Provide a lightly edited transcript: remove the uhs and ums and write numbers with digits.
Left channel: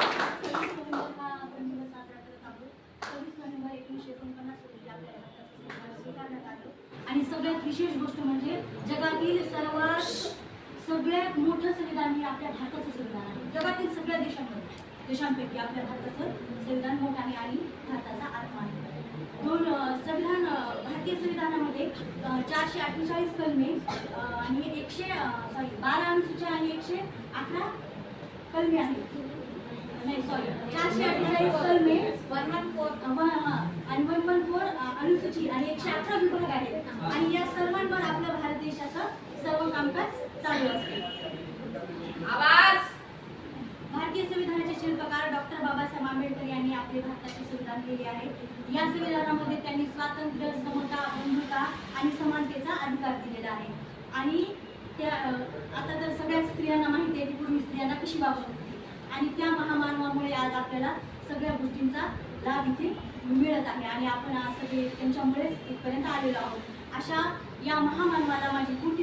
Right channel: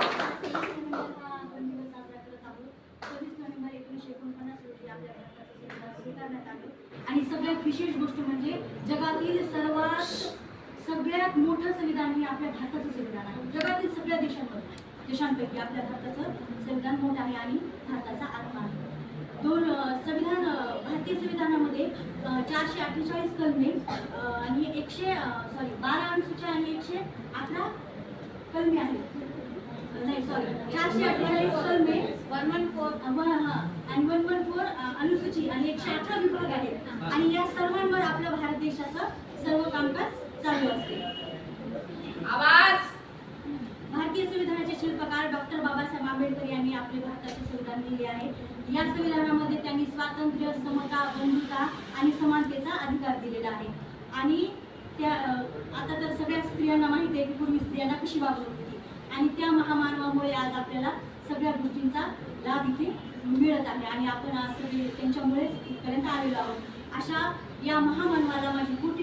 आपण दिवस साजरा करत आहोत. 26 नोव्हेंबर 1949 रोजी आपल्या भारताचं संविधान स्वीकारण्यात आलं. आणि सगळ्यात विशेष गोष्ट म्हणजे जगातील सगळ्यात मोठं संविधान हे आपल्या भारताचं संविधान आहे. जगातील सगळ्या देशांपैकी आपल्या भारताचं संविधान मोठं आहे आणि भारताचा आत्मा आहे. भारतीय संविधानामध्ये 448 कलमे आणि 12 अनुसूच्या आणि 111 कलमे आहेत. नाही सॉरी 448 कलमे 114 आणि 114 अनुसूची आणि 118 विभाग आहेत. आणि या सर्वांवर आपल्या भारत देशाचं सर्व कामकाज चालू असते. भारतीय संविधानाचे शिल्पकार डॉक्टर बाबासाहेब आंबेडकर यांनी आपले भारताचे संविधान लिहिले आहे. या संविधानामध्ये त्यांनी स्वातंत्र्य, समता, बंधुता आणि समानतेचा अधिकार दिलेला आहे. आणि त्या आता तर सगळ्या स्त्रियांना माहिती आहे की पूर्वी स्त्रियांना कशी वागवत होती आणि त्या महामानवामुळे आज आपल्याला सगळ्या गोष्टींचा लाभ इथे मिळत आहे आणि आपण आज सगळे त्यांच्यामुळेच इथपर्यंत आलेलो आहोत. अशा या महामानवाला माझी खूप